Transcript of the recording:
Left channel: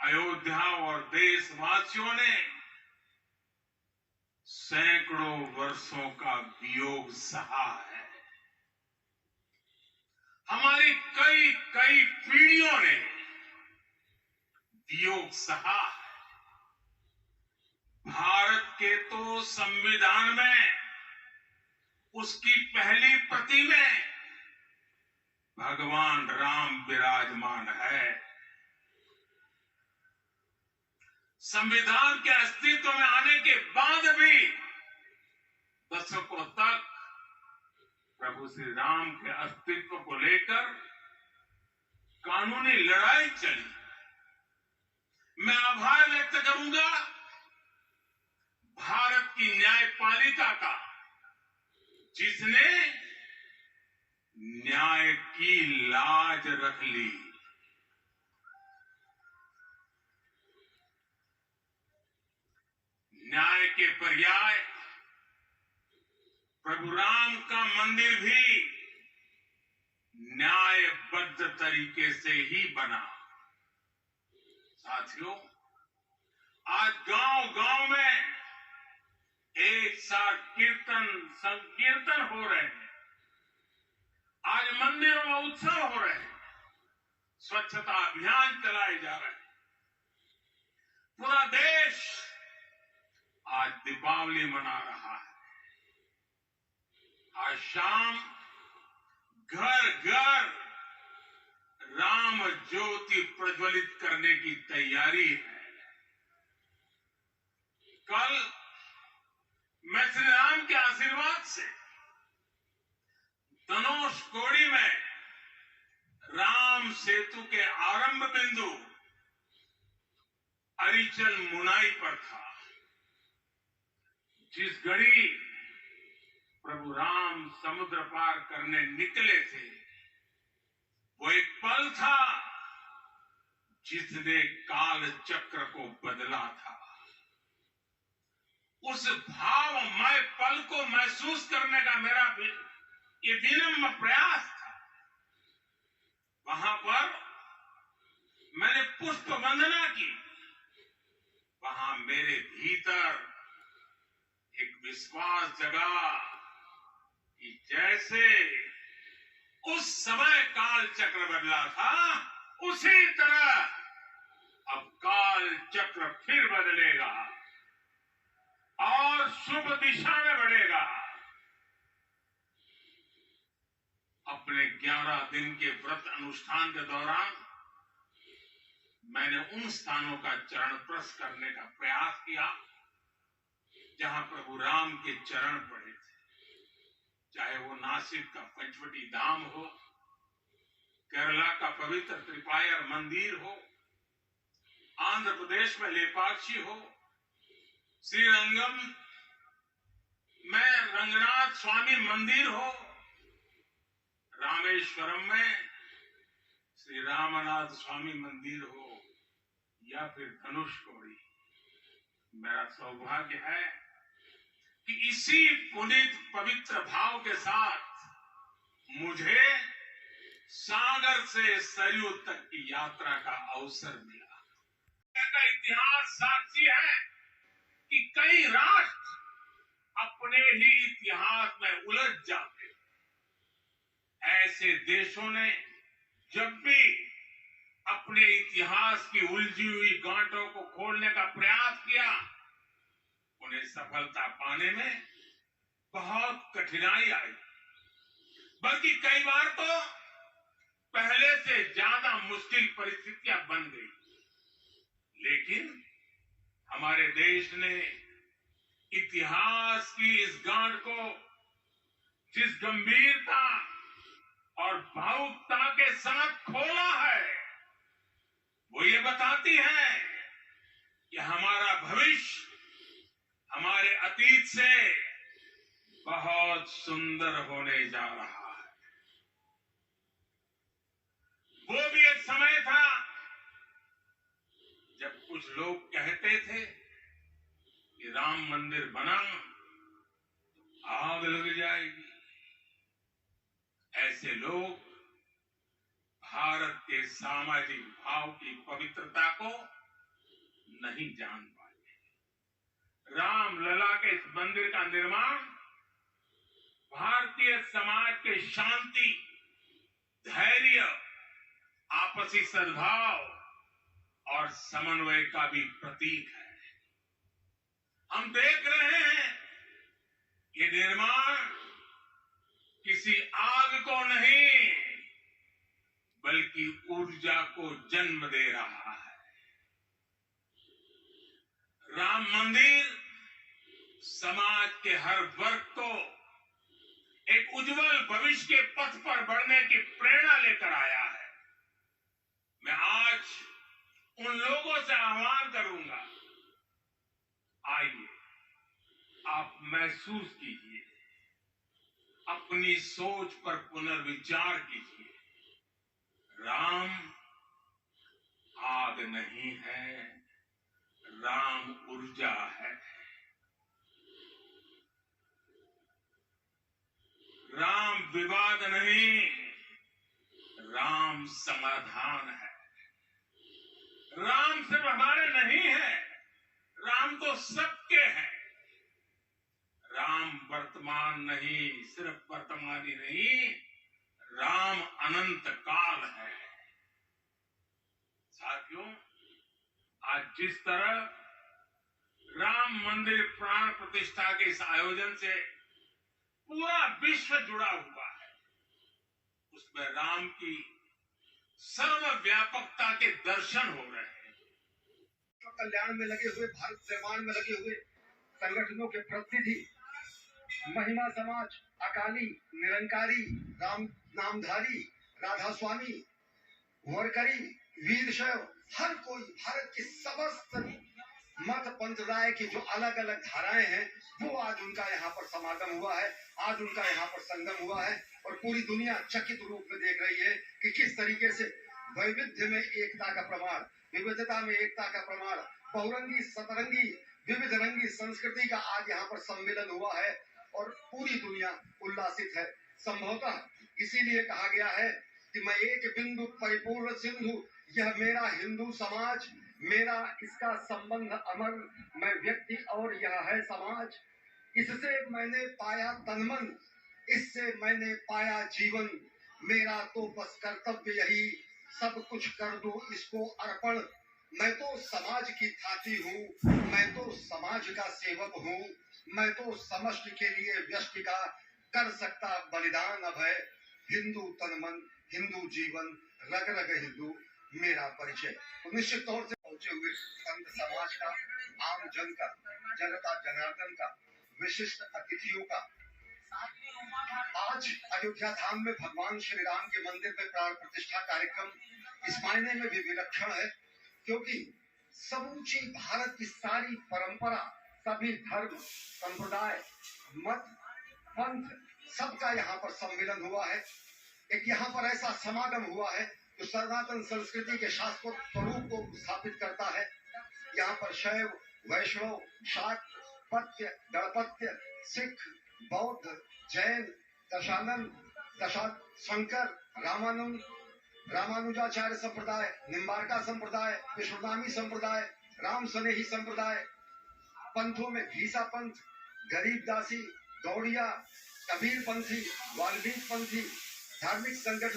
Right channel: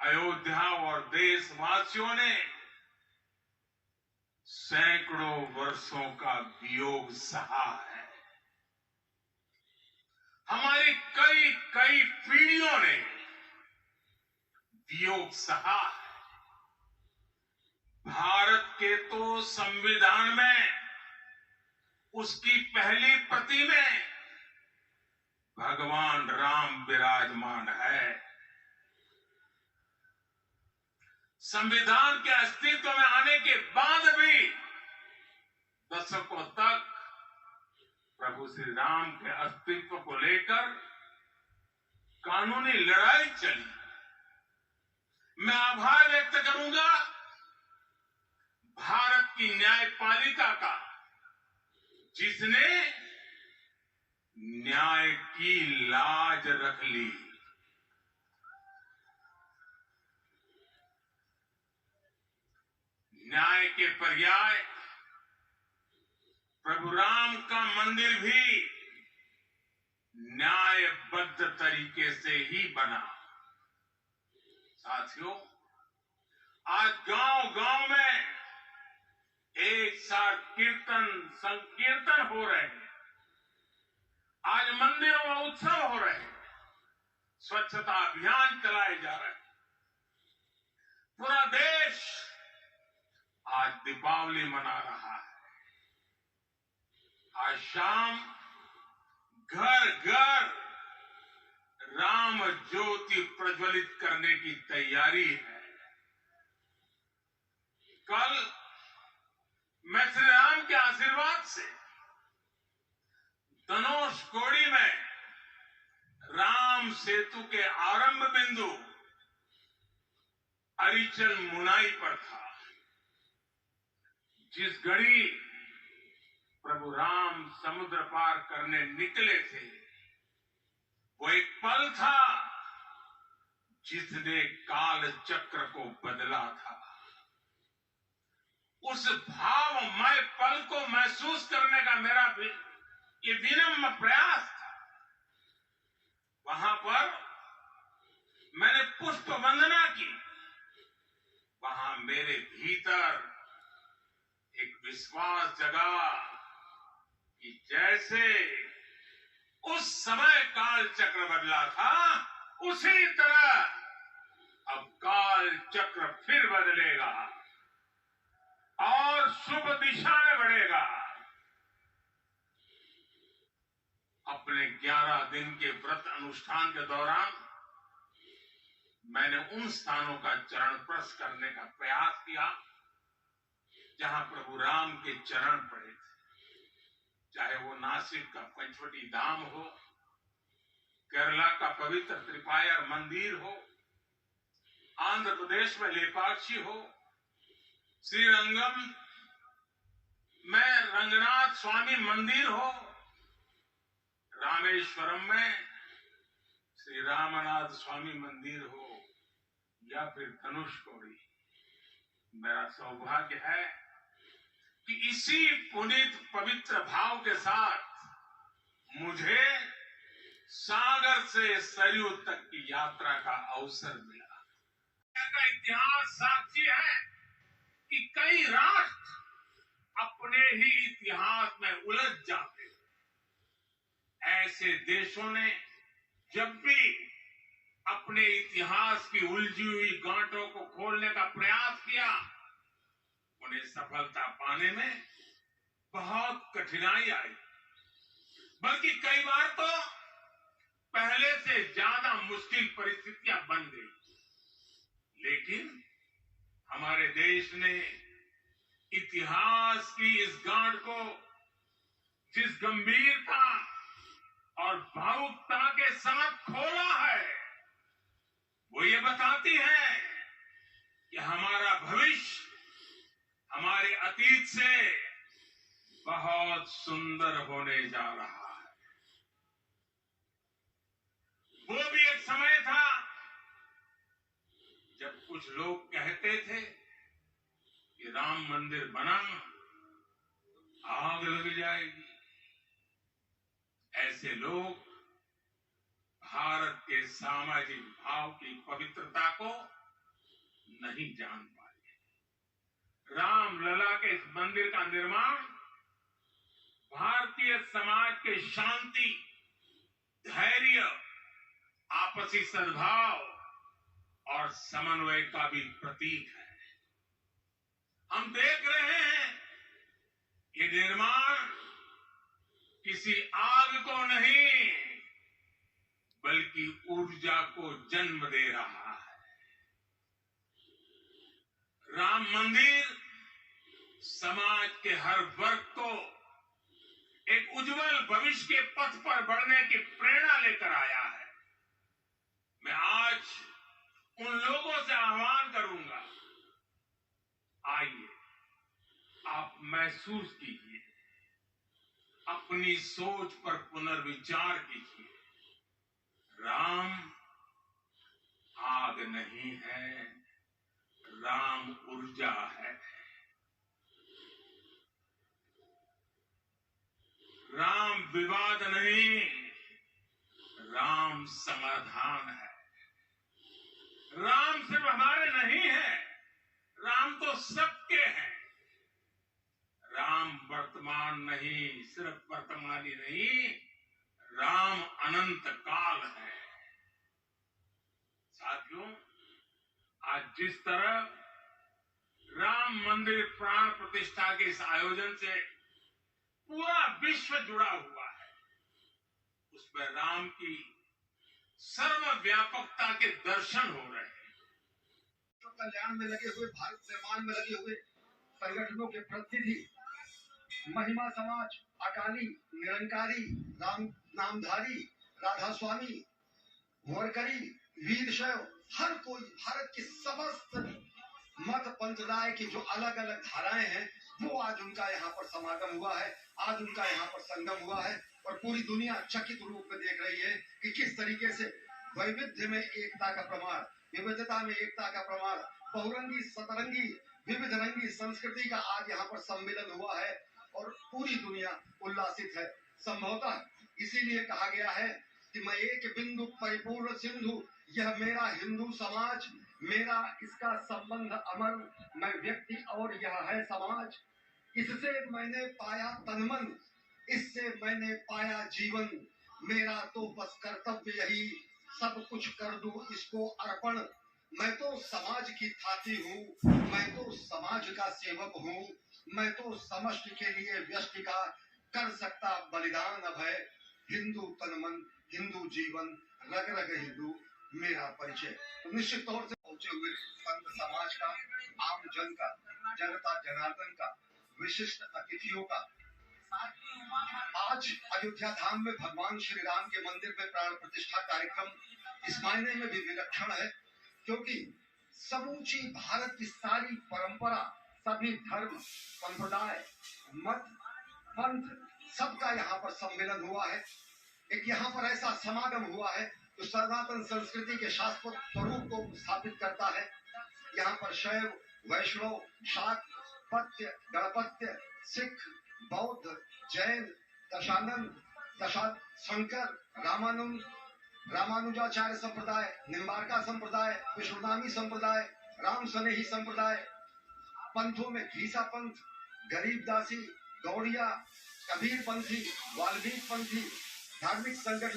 अयोध्या और देशवासियों ने सैकड़ों वर्षों का वियोग सहा है। हमारी कई कई पीढ़ियों ने वियोग सहा है। भारत के तो संविधान में उसकी पहली प्रति में भगवान राम विराजमान है। संविधान के अस्तित्व में आने के बाद भी दशकों तक प्रभु श्री राम के अस्तित्व को लेकर कानूनी लड़ाई चली। मैं आभार व्यक्त करूंगा भारत की न्यायपालिका का, जिसने न्याय की लाज रख ली। न्याय के पर्याय प्रभु राम का मंदिर भी न्यायबद्ध तरीके से ही बना। साथियों, आज गांव-गांव में एक साथ कीर्तन संकीर्तन हो रहे हैं। आज मंदिरों में उत्सव हो रहे हैं। स्वच्छता अभियान चलाए जा रहे हैं। पूरा देश आज दीपावली मना रहा है। आज शाम घर घर राम ज्योति प्रज्वलित करने की तैयारी है। कल मैं श्री राम के आशीर्वाद से धनुषकोडी में राम सेतु के आरंभ बिंदु अरिचल मुनाई पर था। जिस घड़ी प्रभु राम समुद्र पार करने निकले थे, वो एक पल था जिसने काल चक्र को बदला था। उस भावमय पल को महसूस करने का मेरा ये विनम्र प्रयास था। वहां पर मैंने पुष्प वंदना की। वहां मेरे भीतर एक विश्वास जगा कि जैसे उस समय काल चक्र बदला था, उसी तरह अब काल चक्र फिर बदलेगा और शुभ दिशा में बढ़ेगा। अपने 11 दिन के व्रत अनुष्ठान के दौरान मैंने उन स्थानों का चरण स्पर्श करने का प्रयास किया जहां प्रभु राम के चरण पड़े थे। चाहे वो नासिक का पंचवटी धाम हो, केरला का पवित्र त्रिपायर मंदिर हो, आंध्र प्रदेश में लेपाक्षी हो, श्रीरंगम में रंगनाथ स्वामी मंदिर हो, रामेश्वरम में श्री रामनाथ स्वामी मंदिर हो, या फिर धनुषकोडी। मेरा सौभाग्य है कि इसी पुनीत पवित्र भाव के साथ मुझे सागर से सरयू तक की यात्रा का अवसर मिला। का इतिहास साक्षी है कि कई राष्ट्र अपने ही इतिहास में उलझ जाते। ऐसे देशों ने जब भी अपने इतिहास की उलझी हुई गांठों को खोलने का प्रयास किया, उन्हें सफलता पाने में बहुत कठिनाई आई। बल्कि कई बार तो पहले से ज्यादा मुश्किल परिस्थितियां बन गई। लेकिन हमारे देश ने इतिहास की इस गांठ को जिस गंभीरता और भावुकता के साथ खोला है, वो ये बताती है कि हमारा भविष्य हमारे अतीत से बहुत सुंदर होने जा रहा है। वो भी एक समय था जब कुछ लोग कहते थे कि राम मंदिर बना तो आग लग जाएगी। ऐसे लोग भारत के सामाजिक भाव की पवित्रता को नहीं जान पाए। रामलला के इस मंदिर का निर्माण भारतीय समाज के शांति, धैर्य, आपसी सद्भाव और समन्वय का भी प्रतीक है। हम देख रहे हैं ये निर्माण किसी आग को नहीं बल्कि ऊर्जा को जन्म दे रहा है। राम मंदिर समाज के हर वर्ग को एक उज्जवल भविष्य के पथ पर बढ़ने की प्रेरणा लेकर आया है। मैं आज उन लोगों से आह्वान करूंगा, आइए आप महसूस कीजिए, अपनी सोच पर पुनर्विचार कीजिए। राम आग नहीं है, राम ऊर्जा है। राम विवाद नहीं, राम समाधान है। राम सिर्फ हमारे नहीं है, राम तो सबके हैं। राम वर्तमान नहीं, सिर्फ वर्तमान ही नहीं, राम अनंत काल है। साथियों, आज जिस तरह राम मंदिर प्राण प्रतिष्ठा के इस आयोजन से पूरा विश्व जुड़ा हुआ है, उसमें राम की सर्वव्यापकता के दर्शन हो रहे हैं। कल्याण में लगे हुए, भारत निर्माण में लगे हुए संगठनों के प्रतिनिधि, महिमा समाज, अकाली, निरंकारी, राम नामधारी, राधा स्वामी, वरकरी, वीर शैव, हर कोई भारत की समस्त मत पंथराय की जो अलग अलग धाराएं हैं, वो आज उनका यहाँ पर समागम हुआ है, आज उनका यहाँ पर संगम हुआ है। और पूरी दुनिया चकित रूप में देख रही है कि किस तरीके से वैविध्य में एकता का प्रमाण, विविधता में एकता का प्रमाण, बहुरंगी सतरंगी विविध रंगी संस्कृति का आज यहाँ पर सम्मेलन हुआ है और पूरी दुनिया उल्लासित है। संभवतः इसीलिए कहा गया है कि मैं एक बिंदु परिपूर्ण सिंधु, यह मेरा हिंदू समाज, मेरा इसका संबंध अमर, मैं व्यक्ति और यह है समाज। इससे मैंने पाया तनमन, इससे मैंने पाया जीवन, मेरा तो बस कर्तव्य यही, सब कुछ कर दूं इसको अर्पण। मैं तो समाज की थाती हूँ, मैं तो समाज का सेवक हूँ, मैं तो समष्टि के लिए व्यष्टि का कर सकता बलिदान अब है। हिंदू तनमन, हिंदू जीवन, रग रग हिंदू मेरा परिचय। तो निश्चित तौर से पहुंचे हुए संत समाज का, आम जन का, जनता जनार्दन का, विशिष्ट अतिथियों का, आज अयोध्या धाम में भगवान श्री राम के मंदिर में प्राण प्रतिष्ठा कार्यक्रम इस मायने में भी विलक्षण है क्योंकि समूची भारत की सारी परंपरा, सभी धर्म, संप्रदाय, मत, पंथ, सबका यहाँ पर सम्मेलन हुआ है। एक यहाँ पर ऐसा समागम हुआ है जो सनातन संस्कृति के शाश्वत स्वरूप को स्थापित करता है। यहाँ पर शैव, वैष्णव, शाक्त, पत्य, गणपत्य, सिख, बौद्ध, जैन, दशानंद, शंकर, रामानंद, रामानुजाचार्य संप्रदाय, निम्बार्का संप्रदाय, विष्णुनामी संप्रदाय, राम स्नेही संप्रदाय, पंथों में घीसा पंथ, गरीबदासी, गौड़िया, कबीर पंथी, वाल्मीकि पंथी, धार्मिक संगठन